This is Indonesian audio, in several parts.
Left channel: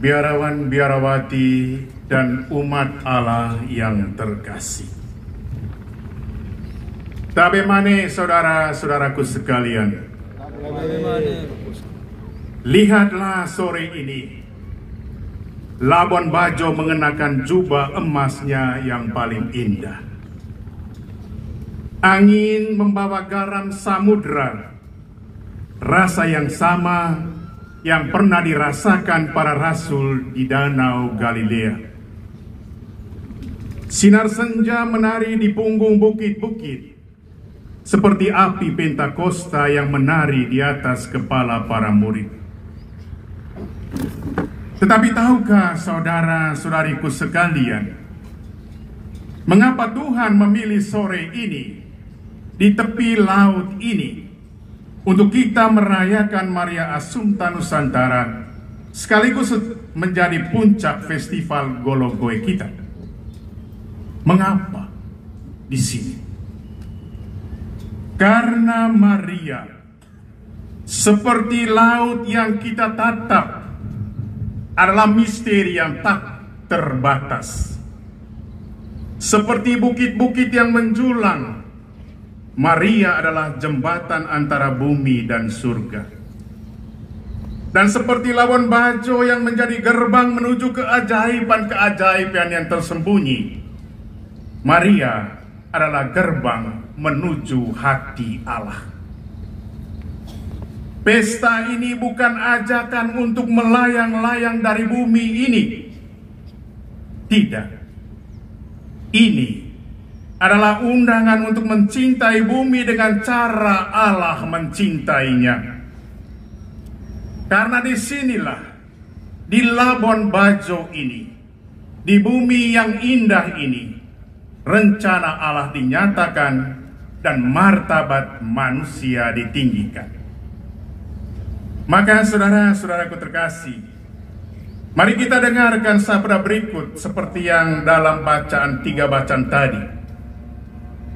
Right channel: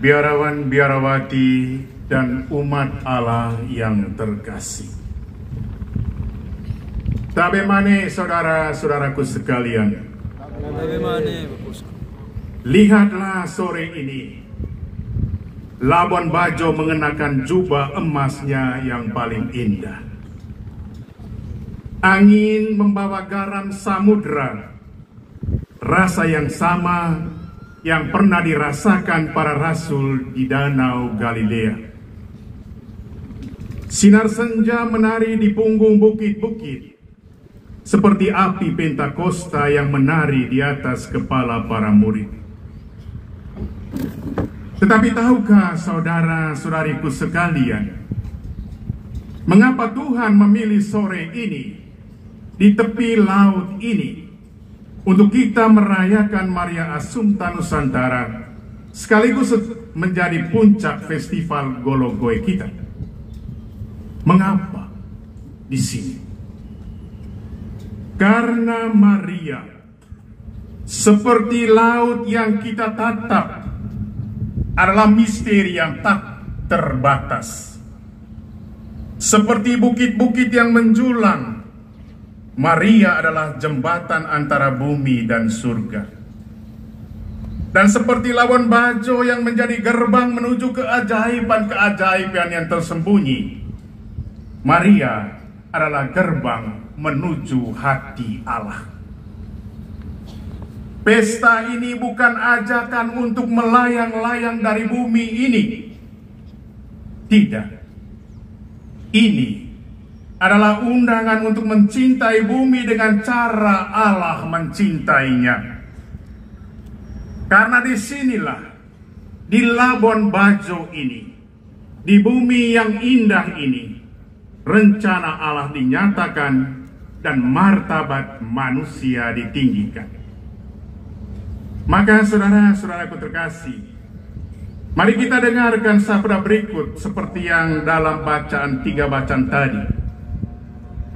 biarawan biarawati dan umat Allah yang terkasih. Tabemane saudara-saudaraku sekalian, lihatlah sore ini Labuan Bajo mengenakan jubah emasnya yang paling indah. Angin membawa garam samudra, rasa yang sama yang pernah dirasakan para rasul di Danau Galilea. Sinar senja menari di punggung bukit-bukit, seperti api Pentakosta yang menari di atas kepala para murid. Tetapi tahukah saudara-saudariku sekalian, mengapa Tuhan memilih sore ini di tepi laut ini untuk kita merayakan Maria Assumpta Nusantara, sekaligus menjadi puncak festival Gologoe kita? Mengapa di sini? Karena Maria seperti laut yang kita tatap adalah misteri yang tak terbatas. Seperti bukit-bukit yang menjulang, Maria adalah jembatan antara bumi dan surga. Dan seperti Labuan Bajo yang menjadi gerbang menuju keajaiban-keajaiban yang tersembunyi, Maria adalah gerbang menuju hati Allah. Pesta ini bukan ajakan untuk melayang-layang dari bumi ini. Tidak. Ini adalah undangan untuk mencintai bumi dengan cara Allah mencintainya. Karena disinilah, di Labuan Bajo ini, di bumi yang indah ini, rencana Allah dinyatakan dan martabat manusia ditinggikan. Maka saudara-saudaraku terkasih, mari kita dengarkan sabda berikut seperti yang dalam bacaan 3 bacaan tadi.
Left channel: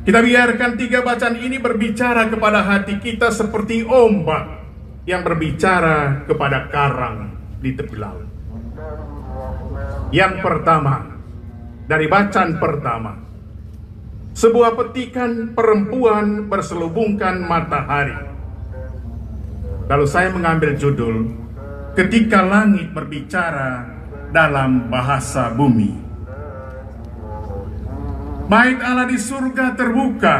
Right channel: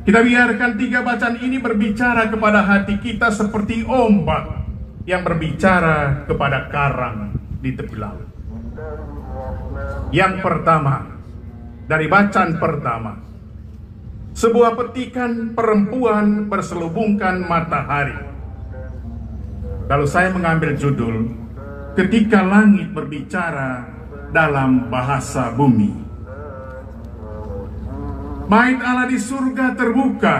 Kita biarkan 3 bacaan ini berbicara kepada hati kita seperti ombak yang berbicara kepada karang di tepi laut. Yang pertama, dari bacaan pertama, sebuah petikan perempuan berselubungkan matahari. Lalu saya mengambil judul, Ketika Langit Berbicara dalam Bahasa Bumi. Bait Allah di surga terbuka,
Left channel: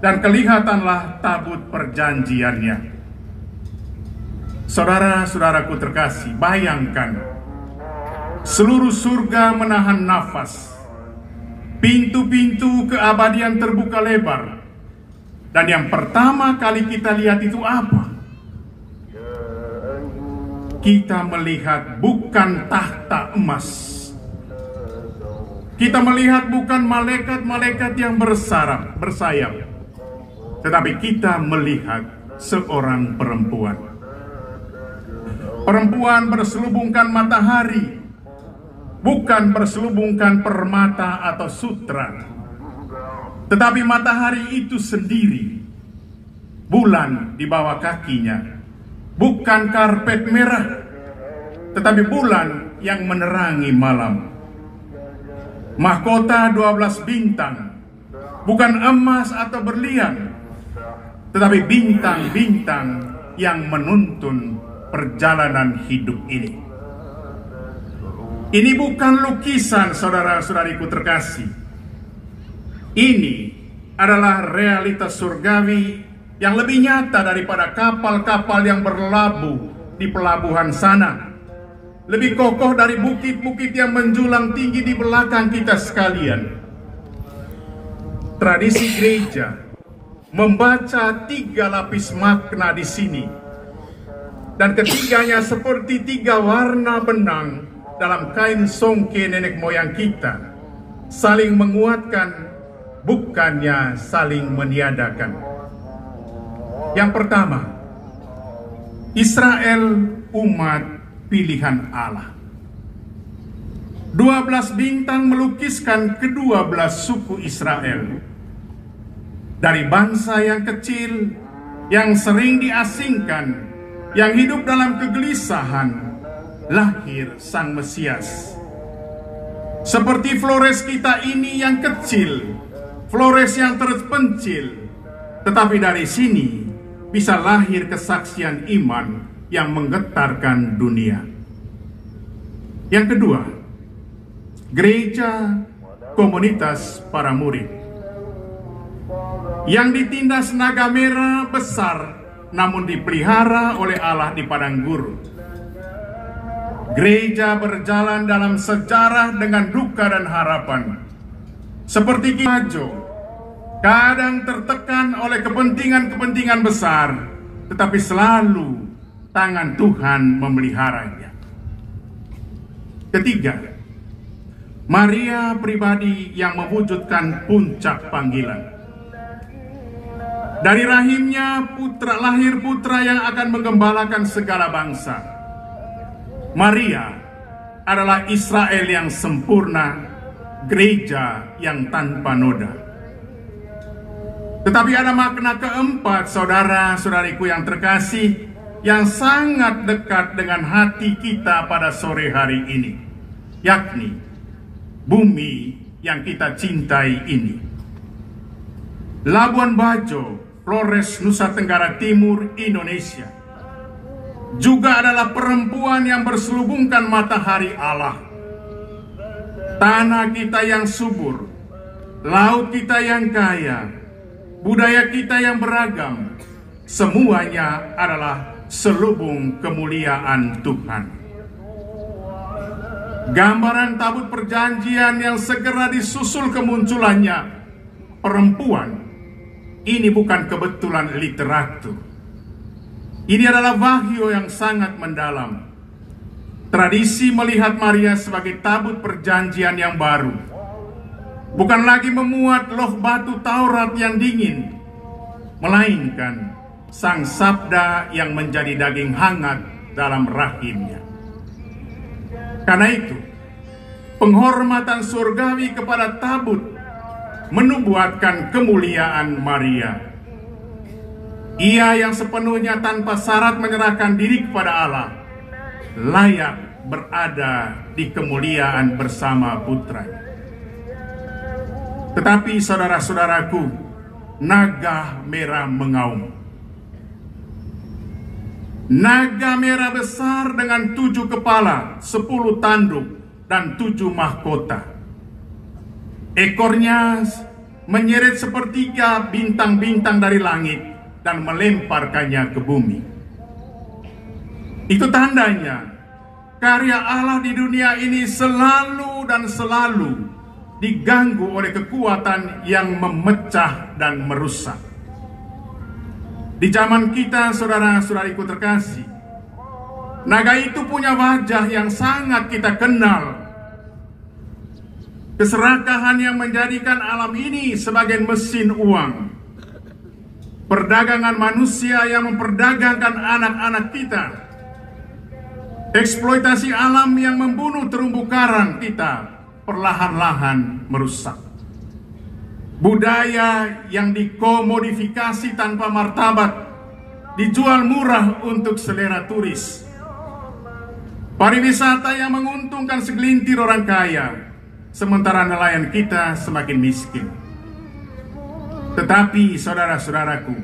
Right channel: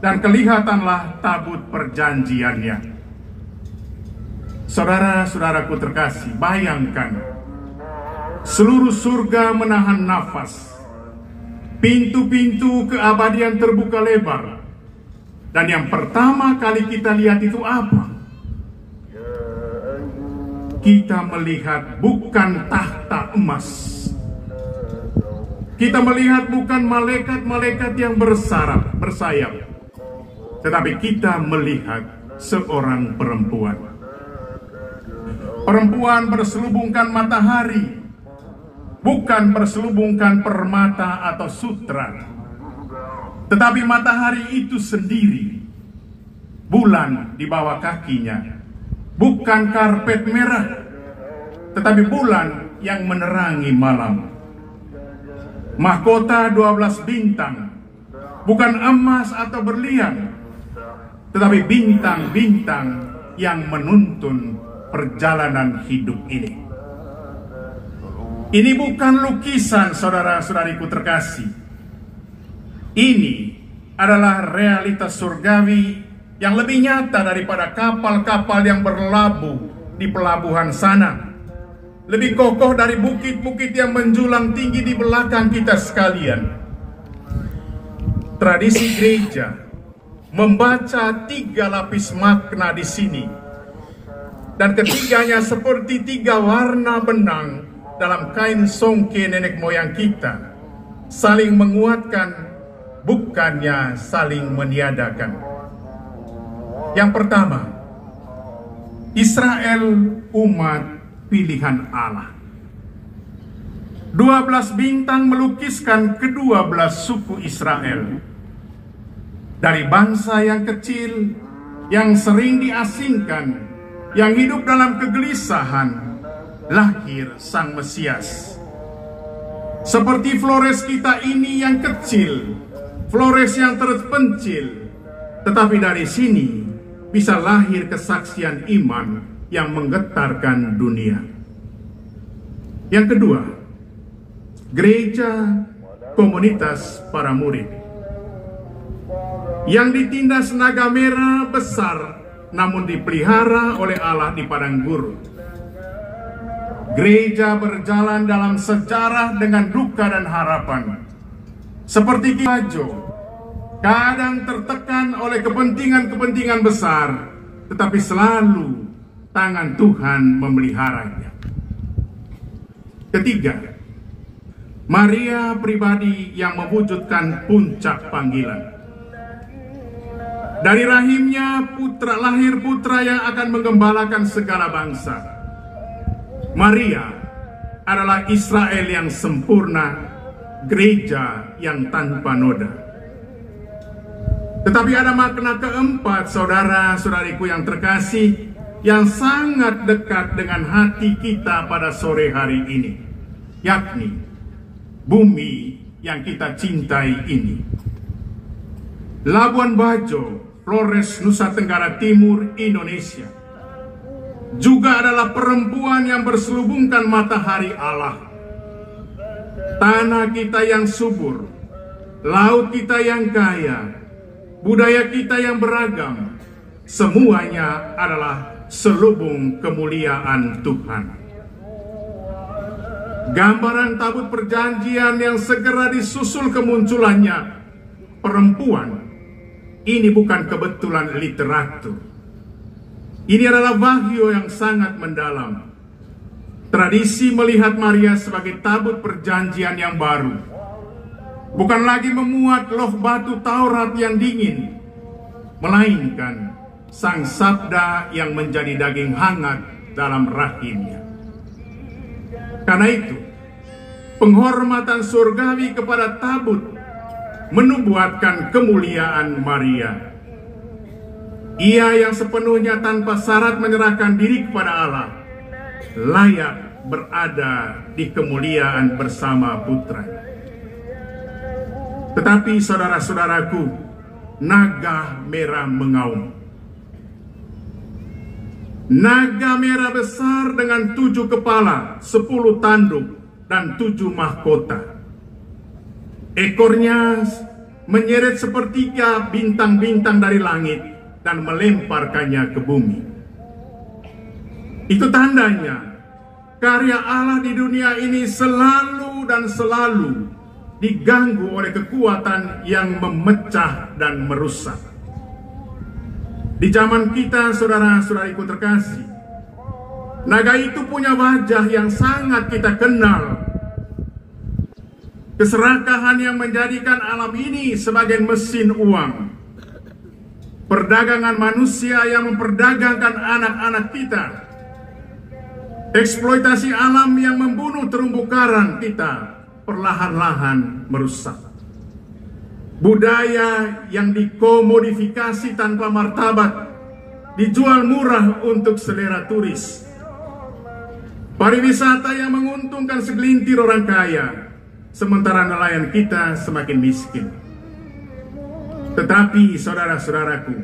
dan kelihatanlah tabut perjanjiannya. Saudara-saudaraku terkasih, bayangkan seluruh surga menahan nafas, pintu-pintu keabadian terbuka lebar, dan yang pertama kali kita lihat itu apa? Kita melihat bukan tahta emas. Kita melihat bukan malaikat-malaikat yang bersayap, tetapi kita melihat seorang perempuan. Perempuan berselubungkan matahari, bukan berselubungkan permata atau sutra, tetapi matahari itu sendiri. Bulan di bawah kakinya, bukan karpet merah, tetapi bulan yang menerangi malam. Mahkota 12 bintang, bukan emas atau berlian, tetapi bintang-bintang yang menuntun perjalanan hidup ini. Ini bukan lukisan, saudara-saudariku terkasih. Ini adalah realitas surgawi yang lebih nyata daripada kapal-kapal yang berlabuh di pelabuhan sana. Lebih kokoh dari bukit-bukit yang menjulang tinggi di belakang kita sekalian. Tradisi gereja membaca 3 lapis makna di sini. Dan ketiganya seperti 3 warna benang dalam kain songke nenek moyang kita. Saling menguatkan, bukannya saling meniadakan. Yang pertama, Israel umat pilihan Allah. 12 bintang melukiskan ke-12 suku Israel. Dari bangsa yang kecil, yang sering diasingkan, yang hidup dalam kegelisahan, lahir Sang Mesias. Seperti Flores kita ini yang kecil, Flores yang terpencil, tetapi dari sini bisa lahir kesaksian iman yang menggetarkan dunia. Yang kedua, gereja komunitas para murid yang ditindas naga merah besar namun dipelihara oleh Allah di padang gurun. Gereja berjalan dalam sejarah dengan duka dan harapan. Seperti Kimajo, kadang tertekan oleh kepentingan-kepentingan besar, tetapi selalu tangan Tuhan memeliharanya. Ketiga, Maria pribadi yang mewujudkan puncak panggilan. Dari rahimnya lahir putra yang akan menggembalakan segala bangsa. Maria adalah Israel yang sempurna, gereja yang tanpa noda. Tetapi ada makna keempat, saudara-saudariku yang terkasih, yang sangat dekat dengan hati kita pada sore hari ini, yakni bumi yang kita cintai ini. Labuan Bajo, Flores, Nusa Tenggara Timur, Indonesia, juga adalah perempuan yang berselubungkan matahari Allah. Tanah kita yang subur, laut kita yang kaya, budaya kita yang beragam, semuanya adalah selubung kemuliaan Tuhan. Gambaran tabut perjanjian yang segera disusul kemunculannya perempuan, ini bukan kebetulan literatur. Ini adalah wahyu yang sangat mendalam. Tradisi melihat Maria sebagai tabut perjanjian yang baru. Bukan lagi memuat loh batu Taurat yang dingin, melainkan Sang Sabda yang menjadi daging hangat dalam rahimnya. Karena itu, penghormatan surgawi kepada tabut menubuatkan kemuliaan Maria. Ia yang sepenuhnya tanpa syarat menyerahkan diri kepada Allah, layak berada di kemuliaan bersama putra. Tetapi saudara-saudaraku, naga merah mengaum. Naga merah besar dengan 7 kepala, 10 tanduk, dan 7 mahkota. Ekornya menyeret sepertiga bintang-bintang dari langit dan melemparkannya ke bumi. Itu tandanya karya Allah di dunia ini selalu dan selalu diganggu oleh kekuatan yang memecah dan merusak. Di zaman kita, saudara-saudariku terkasih, naga itu punya wajah yang sangat kita kenal. Keserakahan yang menjadikan alam ini sebagai mesin uang. Perdagangan manusia yang memperdagangkan anak-anak kita. Eksploitasi alam yang membunuh terumbu karang kita perlahan-lahan merusak. Budaya yang dikomodifikasi tanpa martabat, dijual murah untuk selera turis. Pariwisata yang menguntungkan segelintir orang kaya, sementara nelayan kita semakin miskin. Tetapi saudara-saudaraku,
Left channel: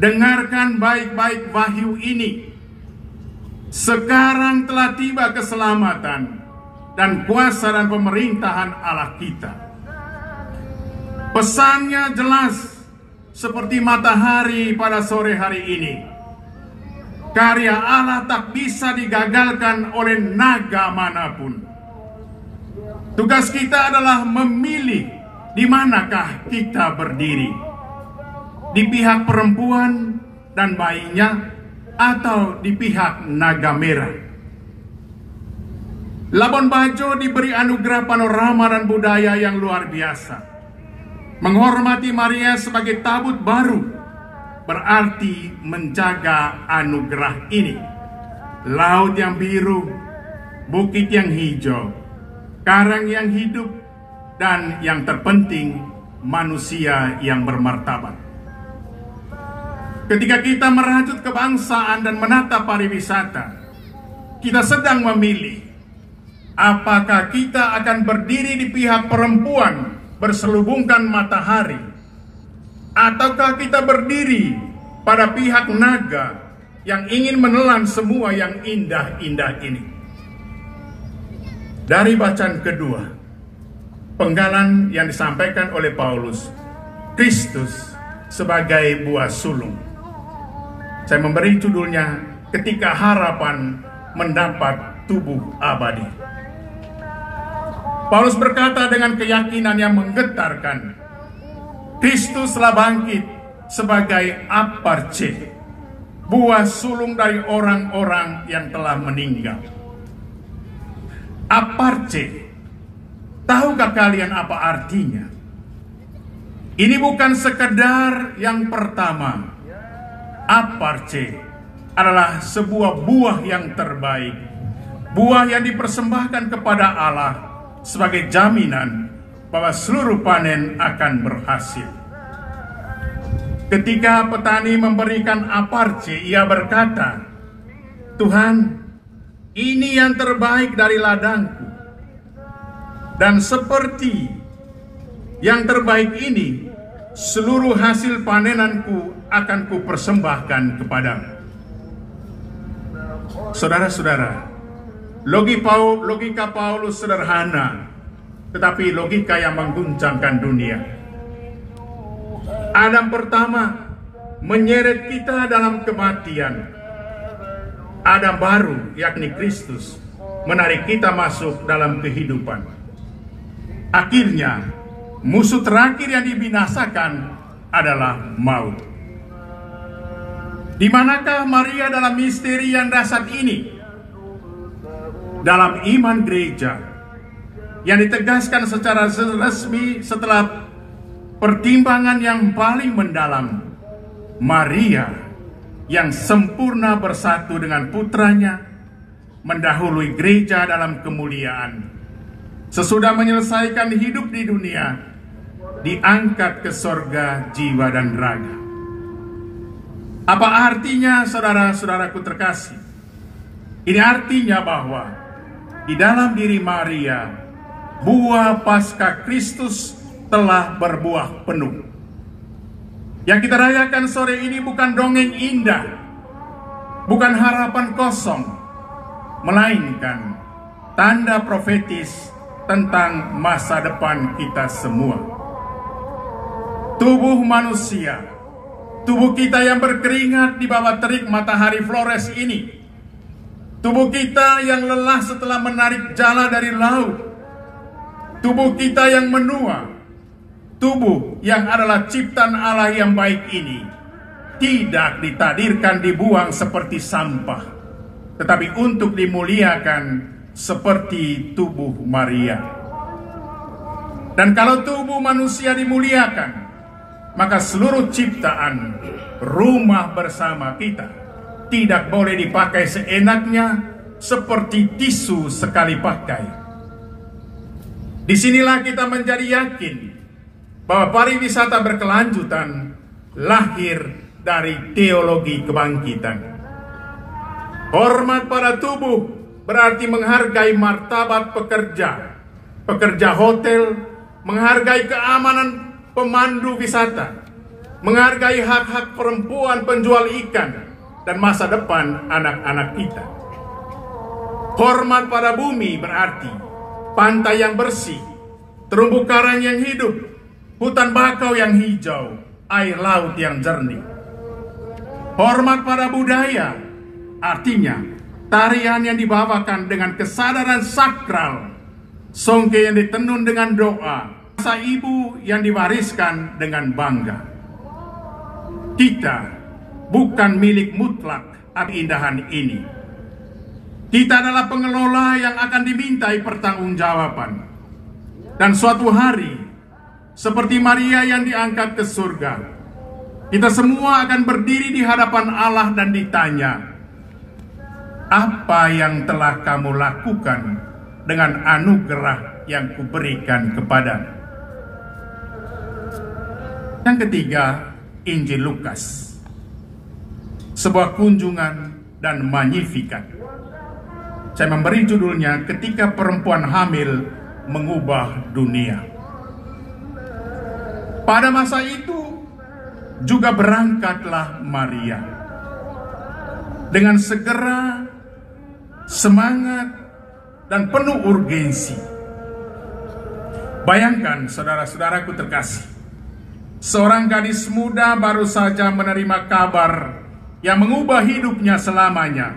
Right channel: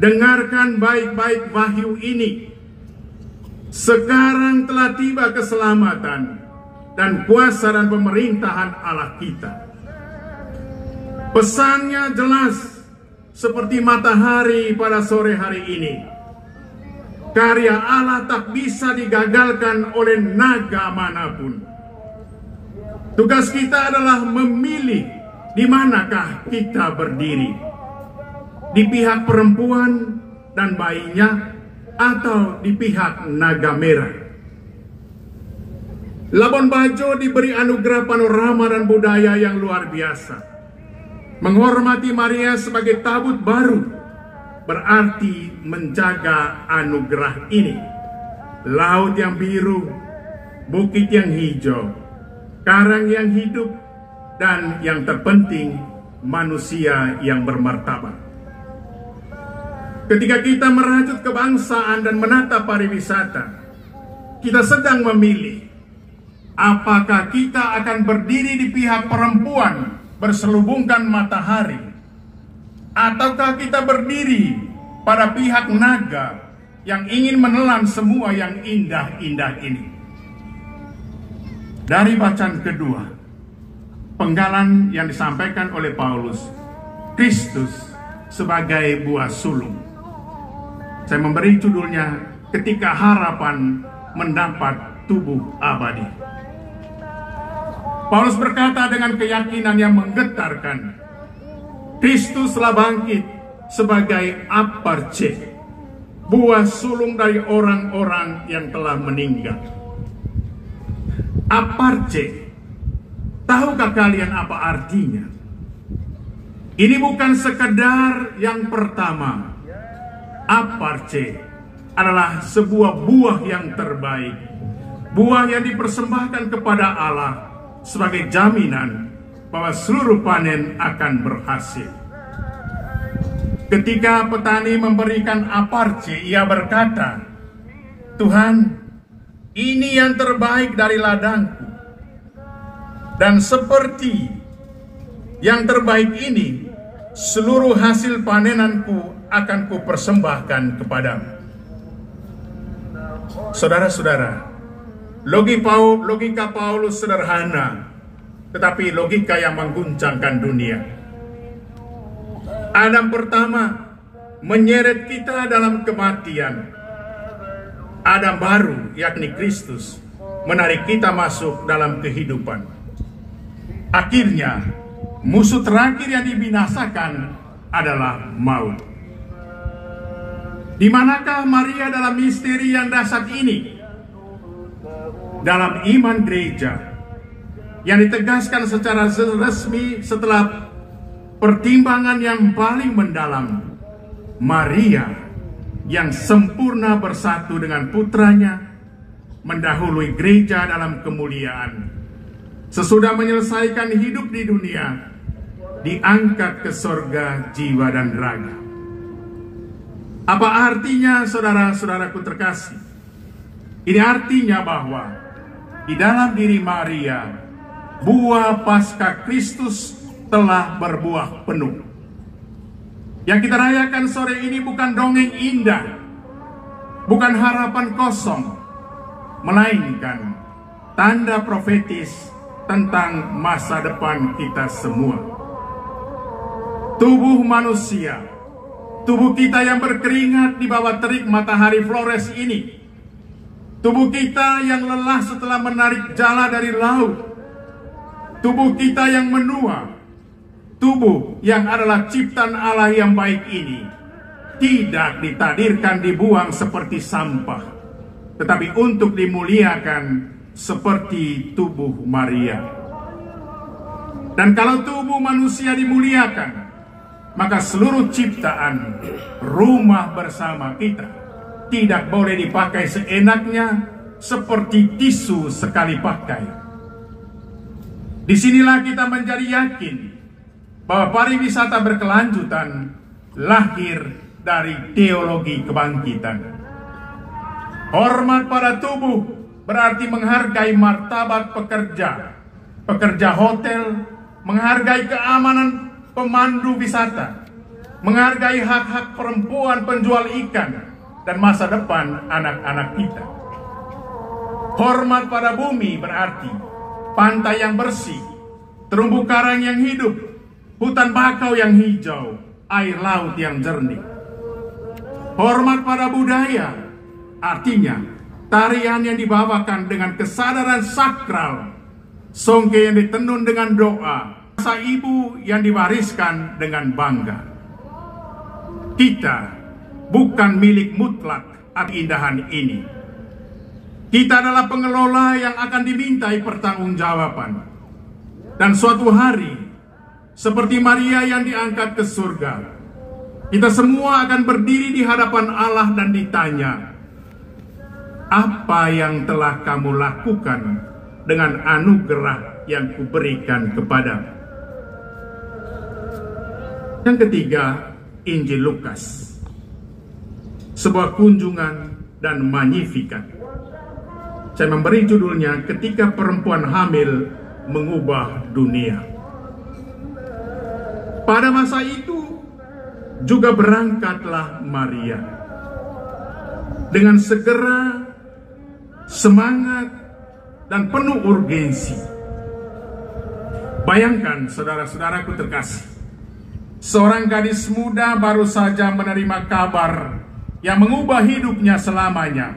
dengarkan baik-baik wahyu ini. Sekarang telah tiba keselamatan dan kuasa dan pemerintahan Allah kita. Pesannya jelas seperti matahari pada sore hari ini. Karya Allah tak bisa digagalkan oleh naga manapun. Tugas kita adalah memilih di manakah kita berdiri. Di pihak perempuan dan bayinya atau di pihak naga merah. Labuan Bajo diberi anugerah panorama dan budaya yang luar biasa. Menghormati Maria sebagai tabut baru berarti menjaga anugerah ini. Laut yang biru, bukit yang hijau, karang yang hidup, dan yang terpenting manusia yang bermartabat. Ketika kita merajut kebangsaan dan menata pariwisata, kita sedang memilih apakah kita akan berdiri di pihak perempuan berselubungkan matahari, ataukah kita berdiri pada pihak naga yang ingin menelan semua yang indah-indah ini. Dari bacaan kedua, penggalan yang disampaikan oleh Paulus, Kristus sebagai buah sulung. Saya memberi judulnya, Ketika Harapan Mendapat Tubuh Abadi. Paulus berkata dengan keyakinan yang menggetarkan, Kristus telah bangkit sebagai aparche, buah sulung dari orang-orang yang telah meninggal. Aparche, tahukah kalian apa artinya? Ini bukan sekedar yang pertama. Aparche adalah sebuah buah yang terbaik, buah yang dipersembahkan kepada Allah sebagai jaminan bahwa seluruh panen akan berhasil. Ketika petani memberikan aparche, ia berkata, Tuhan, ini yang terbaik dari ladangku, dan seperti yang terbaik ini, seluruh hasil panenanku akan kupersembahkan kepadamu. Saudara-saudara, logika Paulus sederhana, tetapi logika yang mengguncangkan dunia. Adam pertama menyeret kita dalam kematian. Adam baru, yakni Kristus, menarik kita masuk dalam kehidupan. Akhirnya, musuh terakhir yang dibinasakan adalah maut. Di manakah Maria dalam misteri yang dahsyat ini? Dalam iman gereja yang ditegaskan secara resmi setelah pertimbangan yang paling mendalam, Maria yang sempurna bersatu dengan putranya mendahului gereja dalam kemuliaan. Sesudah menyelesaikan hidup di dunia, diangkat ke sorga jiwa dan raga. Apa artinya, saudara-saudaraku terkasih? Ini artinya bahwa di dalam diri Maria, buah Paskah Kristus telah berbuah penuh. Yang kita rayakan sore ini bukan dongeng indah, bukan harapan kosong, melainkan tanda profetis tentang masa depan kita semua. Tubuh manusia, tubuh kita yang berkeringat di bawah terik matahari Flores ini, tubuh kita yang lelah setelah menarik jala dari laut, tubuh kita yang menua, tubuh yang adalah ciptaan Allah yang baik ini, tidak ditakdirkan dibuang seperti sampah, tetapi untuk dimuliakan seperti tubuh Maria. Dan kalau tubuh manusia dimuliakan, maka seluruh ciptaan, rumah bersama kita, tidak boleh dipakai seenaknya seperti tisu sekali pakai. Disinilah kita menjadi yakin bahwa pariwisata berkelanjutan lahir dari teologi kebangkitan. Hormat pada tubuh berarti menghargai martabat pekerja hotel, menghargai keamanan pemandu wisata, menghargai hak-hak perempuan penjual ikan, dan masa depan anak-anak kita. Hormat pada bumi berarti pantai yang bersih, terumbu karang yang hidup, hutan bakau yang hijau, air laut yang jernih. Hormat pada budaya artinya tarian yang dibawakan dengan kesadaran sakral, songke yang ditenun dengan doa, bahasa ibu yang diwariskan dengan bangga. Kita bukan milik mutlak atas keindahan ini. Kita adalah pengelola yang akan dimintai pertanggungjawaban. Dan suatu hari, seperti Maria yang diangkat ke surga, kita semua akan berdiri di hadapan Allah dan ditanya, apa yang telah kamu lakukan dengan anugerah yang kuberikan kepadamu? Yang ketiga, Injil Lukas, sebuah kunjungan dan Magnificat. Saya memberi judulnya Ketika Perempuan Hamil Mengubah Dunia. Pada masa itu juga berangkatlah Maria dengan segera, semangat, dan penuh urgensi. Bayangkan saudara-saudaraku terkasih, seorang gadis muda baru saja menerima kabar yang mengubah hidupnya selamanya,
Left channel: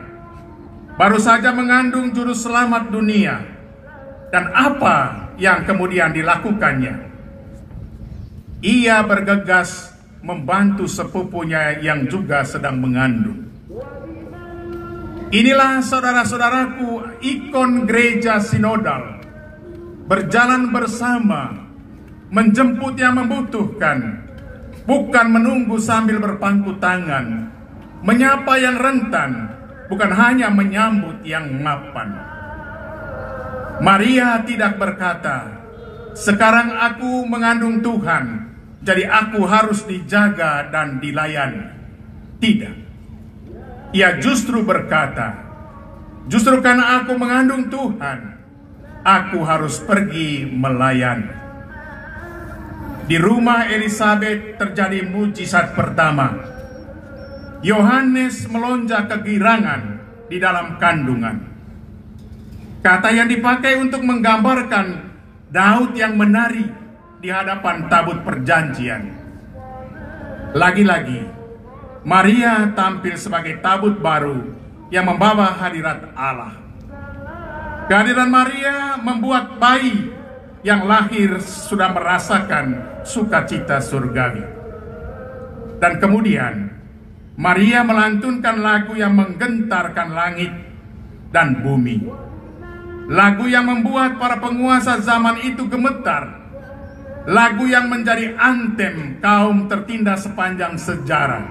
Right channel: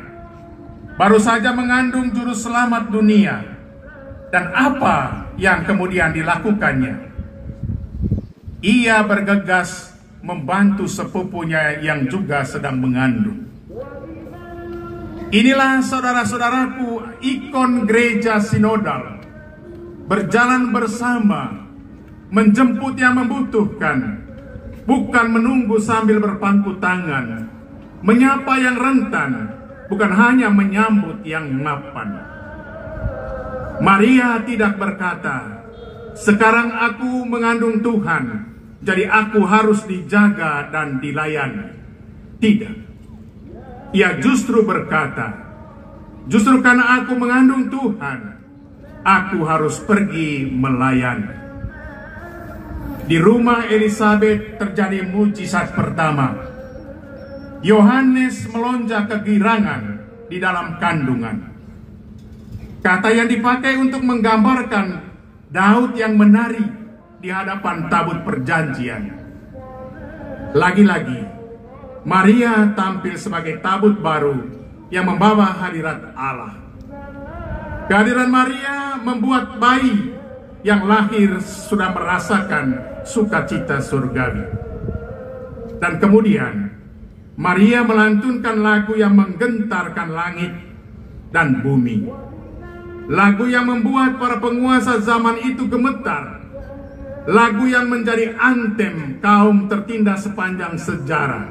baru saja mengandung juru selamat dunia, dan apa yang kemudian dilakukannya? Ia bergegas membantu sepupunya yang juga sedang mengandung. Inilah saudara-saudaraku ikon gereja sinodal, berjalan bersama, menjemput yang membutuhkan, bukan menunggu sambil berpangku tangan, menyapa yang rentan, bukan hanya menyambut yang mapan. Maria tidak berkata, "Sekarang aku mengandung Tuhan, jadi aku harus dijaga dan dilayani." Tidak. Ia justru berkata, "Justru karena aku mengandung Tuhan, aku harus pergi melayani." Di rumah Elizabeth terjadi mujizat pertama. Yohanes melonjak kegirangan di dalam kandungan. Kata yang dipakai untuk menggambarkan Daud yang menari di hadapan tabut perjanjian. Lagi-lagi, Maria tampil sebagai tabut baru yang membawa hadirat Allah. Kehadiran Maria membuat bayi yang lahir sudah merasakan sukacita surgawi. Dan kemudian, Maria melantunkan lagu yang menggentarkan langit dan bumi. Lagu yang membuat para penguasa zaman itu gemetar. Lagu yang menjadi antem kaum tertindas sepanjang sejarah.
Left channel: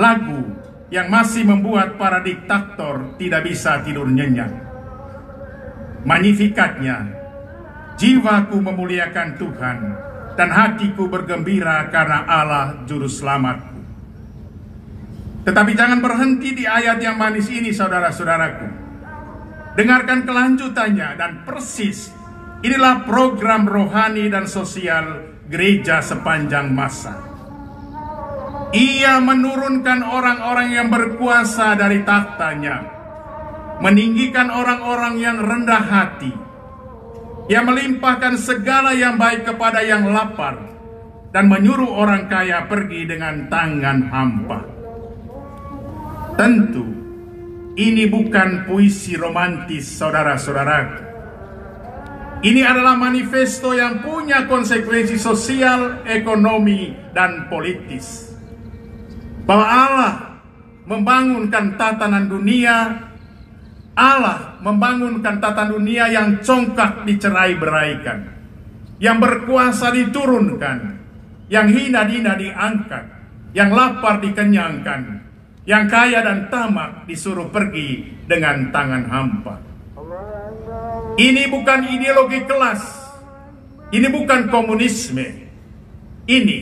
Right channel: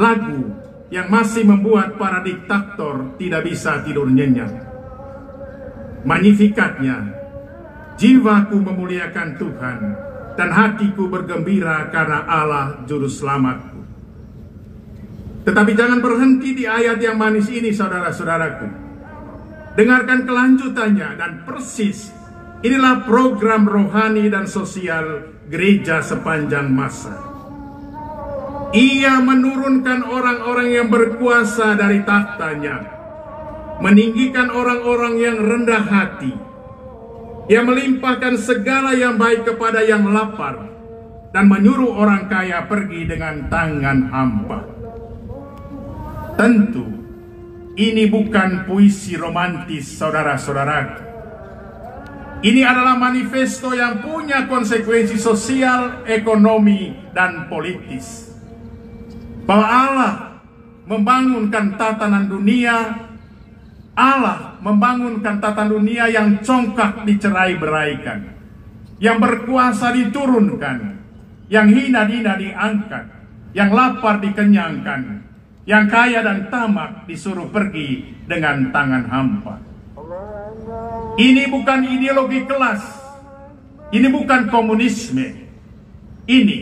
Lagu yang masih membuat para diktator tidak bisa tidur nyenyak. Magnifikatnya, jiwaku memuliakan Tuhan dan hatiku bergembira karena Allah Juru Selamatku. Tetapi jangan berhenti di ayat yang manis ini, saudara-saudaraku. Dengarkan kelanjutannya dan persis inilah program rohani dan sosial gereja sepanjang masa. Ia menurunkan orang-orang yang berkuasa dari tahtanya, meninggikan orang-orang yang rendah hati, yang melimpahkan segala yang baik kepada yang lapar, dan menyuruh orang kaya pergi dengan tangan hampa. Tentu, ini bukan puisi romantis, saudara-saudaraku. Ini adalah manifesto yang punya konsekuensi sosial, ekonomi, dan politis. Bahwa Allah membangunkan tatanan dunia, Allah membangunkan tatanan dunia yang congkak dicerai-beraikan, yang berkuasa diturunkan, yang hina-hina diangkat, yang lapar dikenyangkan, yang kaya dan tamak disuruh pergi dengan tangan hampa. Ini bukan ideologi kelas, ini bukan komunisme. Ini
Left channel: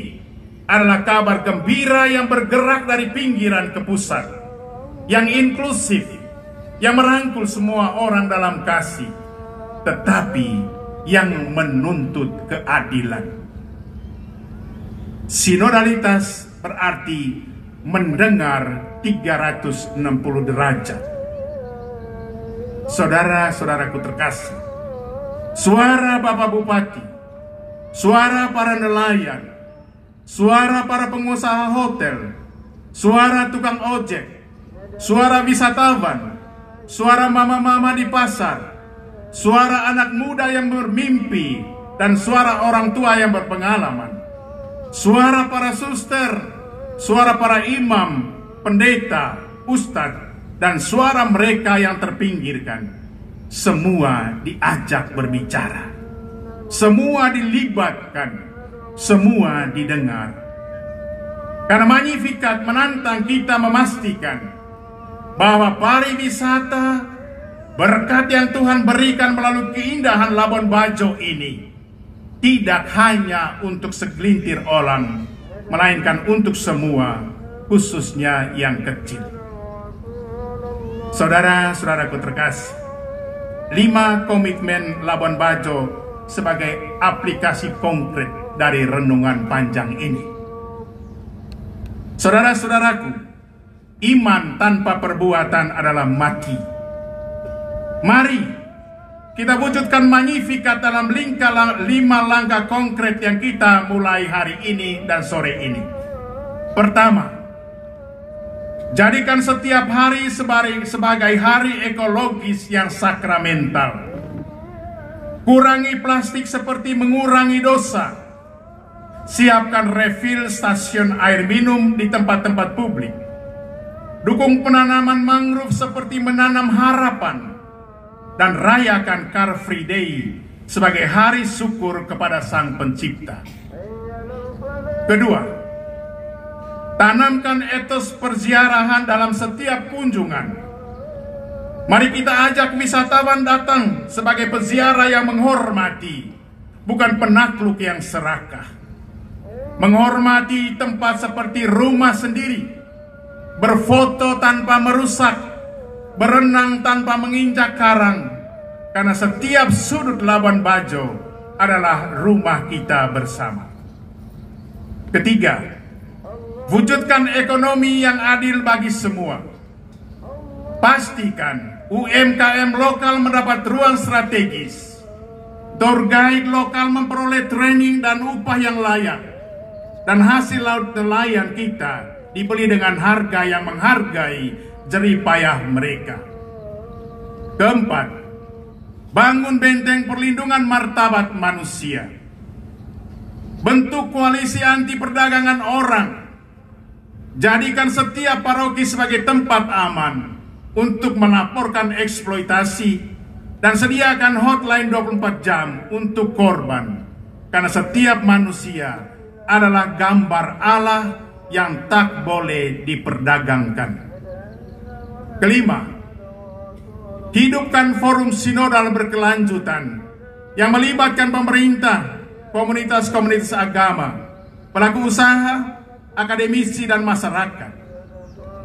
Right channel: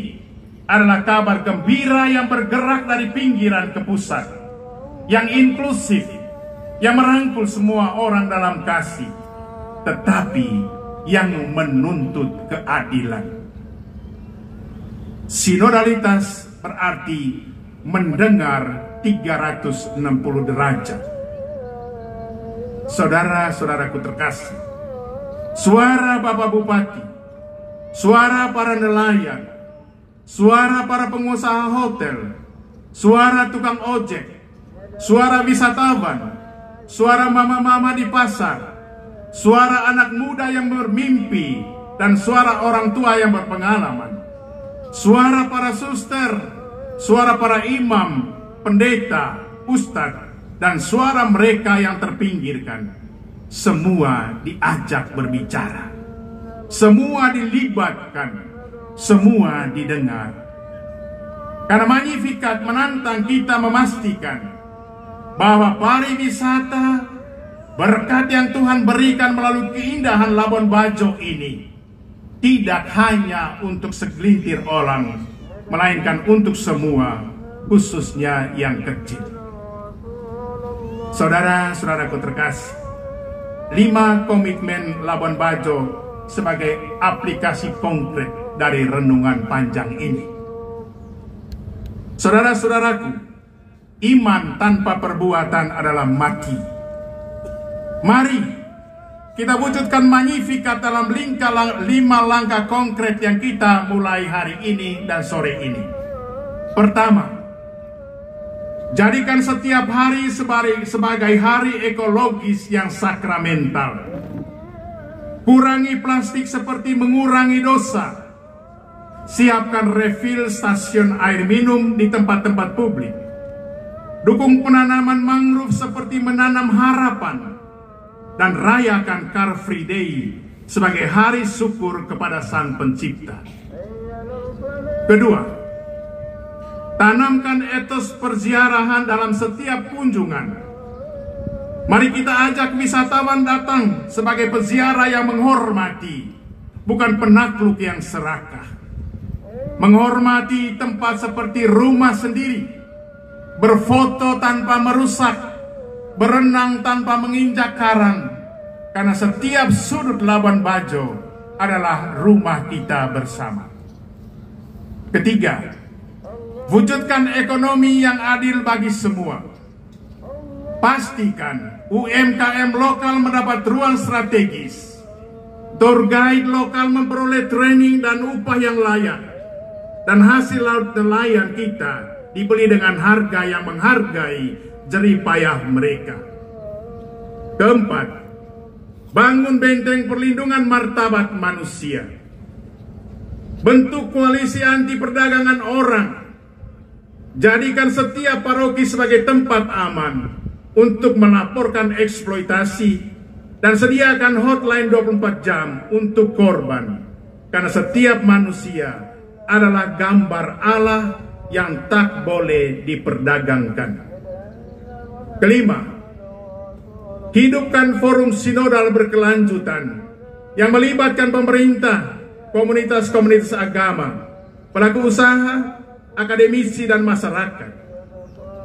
adalah kabar gembira yang bergerak dari pinggiran ke pusat, yang inklusif, yang merangkul semua orang dalam kasih, tetapi yang menuntut keadilan. Sinodalitas berarti mendengar 360 derajat. Saudara-saudaraku terkasih, suara Bapak Bupati, suara para nelayan, suara para pengusaha hotel, suara tukang ojek, suara wisatawan, suara mama-mama di pasar, suara anak muda yang bermimpi, dan suara orang tua yang berpengalaman, suara para suster, suara para imam, pendeta, ustadz, dan suara mereka yang terpinggirkan. Semua diajak berbicara, semua dilibatkan, semua didengar. Karena Magnificat menantang kita memastikan bahwa pariwisata, berkat yang Tuhan berikan melalui keindahan Labuan Bajo ini, tidak hanya untuk segelintir orang, melainkan untuk semua, khususnya yang kecil. Saudara-saudaraku terkasih, 5 komitmen Labuan Bajo sebagai aplikasi konkret dari renungan panjang ini. Saudara-saudaraku, iman tanpa perbuatan adalah mati. Mari kita wujudkan Magnificat dalam 5 langkah konkret yang kita mulai hari ini dan sore ini. Pertama, jadikan setiap hari sebagai hari ekologis yang sakramental. Kurangi plastik seperti mengurangi dosa. Siapkan refill stasiun air minum di tempat-tempat publik. Dukung penanaman mangrove seperti menanam harapan. Dan rayakan Car Free Day sebagai hari syukur kepada Sang Pencipta. Kedua, tanamkan etos perziarahan dalam setiap kunjungan. Mari kita ajak wisatawan datang sebagai peziarah yang menghormati, bukan penakluk yang serakah. Menghormati tempat seperti rumah sendiri, berfoto tanpa merusak, berenang tanpa menginjak karang, karena setiap sudut Labuan Bajo adalah rumah kita bersama. Ketiga, wujudkan ekonomi yang adil bagi semua. Pastikan UMKM lokal mendapat ruang strategis. Tour guide lokal memperoleh training dan upah yang layak. Dan hasil laut nelayan kita dibeli dengan harga yang menghargai jerih payah mereka. Keempat, bangun benteng perlindungan martabat manusia. Bentuk koalisi anti perdagangan orang. Jadikan setiap paroki sebagai tempat aman untuk melaporkan eksploitasi dan sediakan hotline 24 jam untuk korban. Karena setiap manusia adalah gambar Allah yang tak boleh diperdagangkan. Kelima, hidupkan forum sinodal berkelanjutan yang melibatkan pemerintah, komunitas-komunitas agama, pelaku usaha, akademisi, dan masyarakat.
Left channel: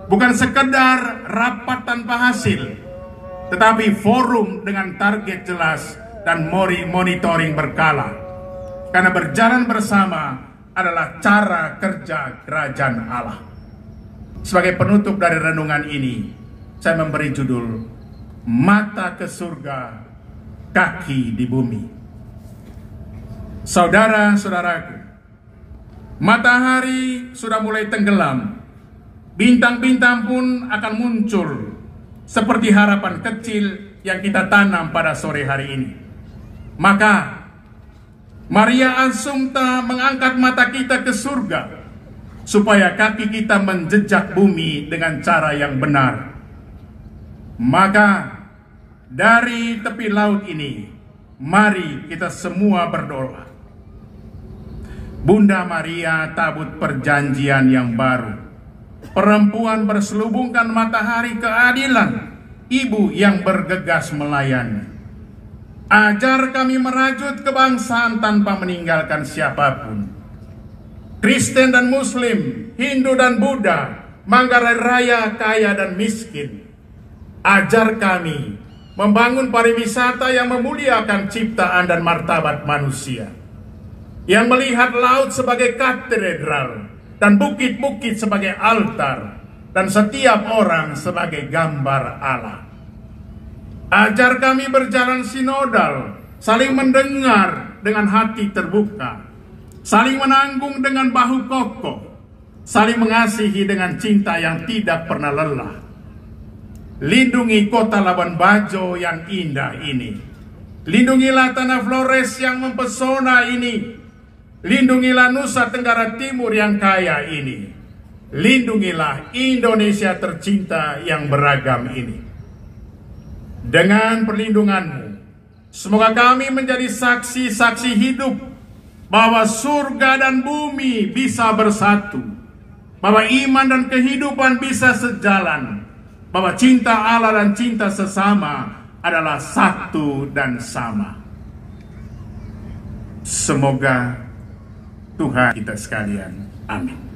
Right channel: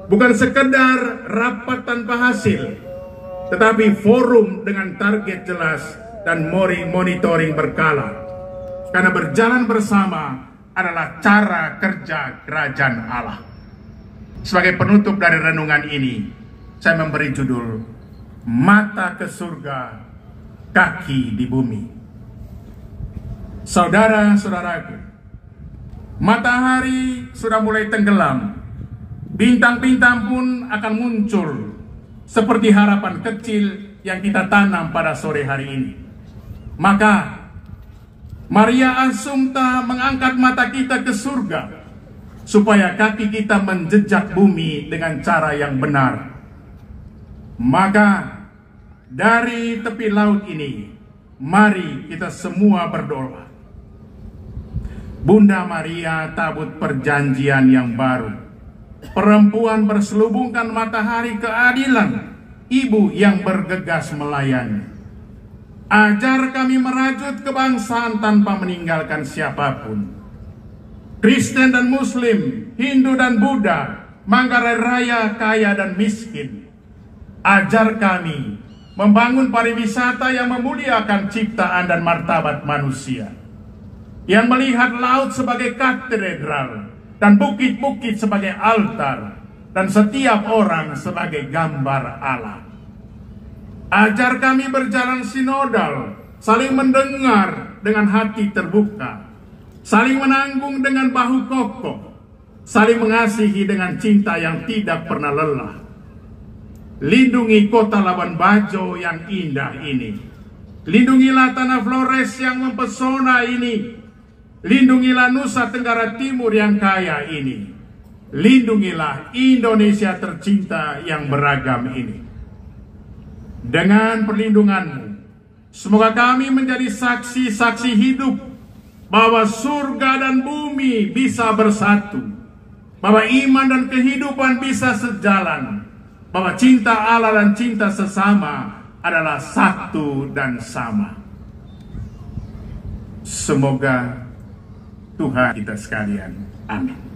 Bukan sekedar rapat tanpa hasil, tetapi forum dengan target jelas dan monitoring berkala. Karena berjalan bersama adalah cara kerja kerajaan Allah. Sebagai penutup dari renungan ini, saya memberi judul Mata ke Surga, Kaki di Bumi. Saudara-saudaraku, matahari sudah mulai tenggelam. Bintang-bintang pun akan muncul seperti harapan kecil yang kita tanam pada sore hari ini. Maka Maria Assumpta mengangkat mata kita ke surga supaya kaki kita menjejak bumi dengan cara yang benar. Maka dari tepi laut ini, mari kita semua berdoa. Bunda Maria, tabut perjanjian yang baru, perempuan berselubungkan matahari keadilan, ibu yang bergegas melayani. Ajar kami merajut kebangsaan tanpa meninggalkan siapapun. Kristen dan Muslim, Hindu dan Buddha, Manggarai Raya, kaya dan miskin. Ajar kami membangun pariwisata yang memuliakan ciptaan dan martabat manusia, yang melihat laut sebagai katedral dan bukit-bukit sebagai altar, dan setiap orang sebagai gambar Allah. Ajar kami berjalan sinodal, saling mendengar dengan hati terbuka, saling menanggung dengan bahu kokoh, saling mengasihi dengan cinta yang tidak pernah lelah. Lindungi kota Labuan Bajo yang indah ini. Lindungilah tanah Flores yang mempesona ini. Lindungilah Nusa Tenggara Timur yang kaya ini. Lindungilah Indonesia tercinta yang beragam ini. Dengan perlindungan-Mu, semoga kami menjadi saksi-saksi hidup bahwa surga dan bumi bisa bersatu, bahwa iman dan kehidupan bisa sejalan, bahwa cinta Allah dan cinta sesama adalah satu dan sama. Semoga Tuhan kita sekalian. Amin.